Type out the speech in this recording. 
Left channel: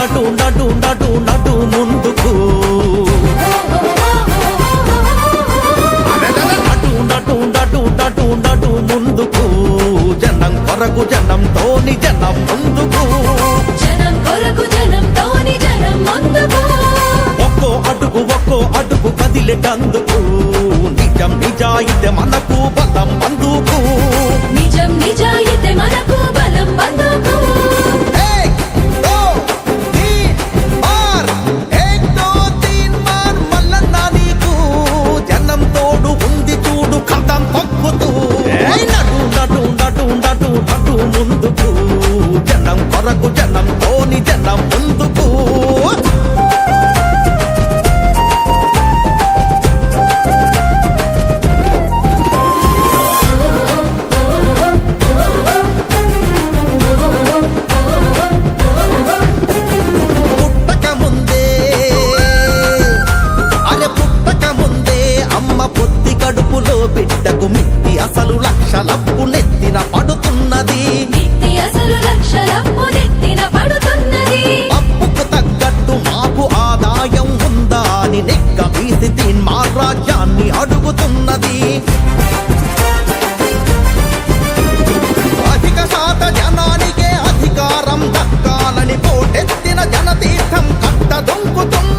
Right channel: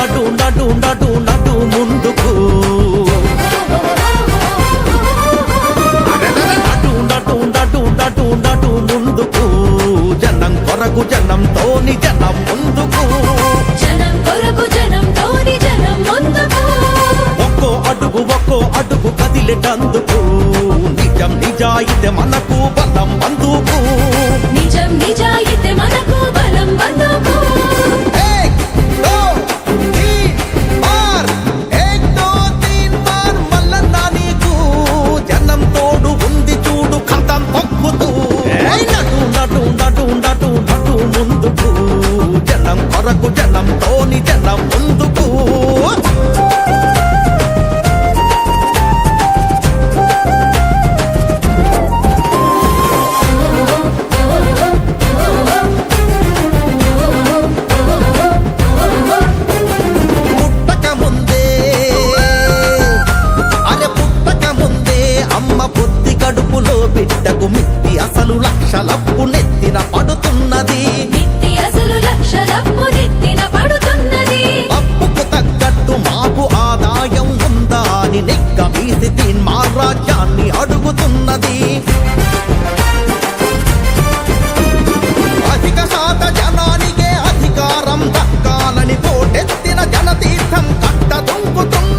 నటు నటు నటు నటు ముందుకు నటు నటు నటు నటు నటు ముందుకు జనం కొరకు జనంతోని జనం ముందుకు జనం కొరకు జనంతోని జనం ముందుకు ఒక్కో అడుగు కదిలేటందుకు నిజం నిజాయితీ మనకు బలం బందుకు నిజం నిజాయితీ మనకు బలం బందుకు జనం తోడు ఉంది చూడు కథం తొక్కుతూ నటు నటు నటు నటు నటు ముందుకు జనం కొరకు జనంతోని జనం ముందుకు అమ్మ పొత్తి కడుపులో బిడ్డకు మిత్తి అసలు లక్షలప్పు నెత్తిన పడుతున్నది అప్పుకు తగ్గట్టు మాకు ఆదాయం ఉందా అని నెగ్గ వీసి తీన్మా రాజ్యాన్ని అడుగుతున్నది అధిక శాత జనానికే అధికారం దక్కాలని పోటెత్తిన జనతీర్థం కట్ట దొంకుతున్నది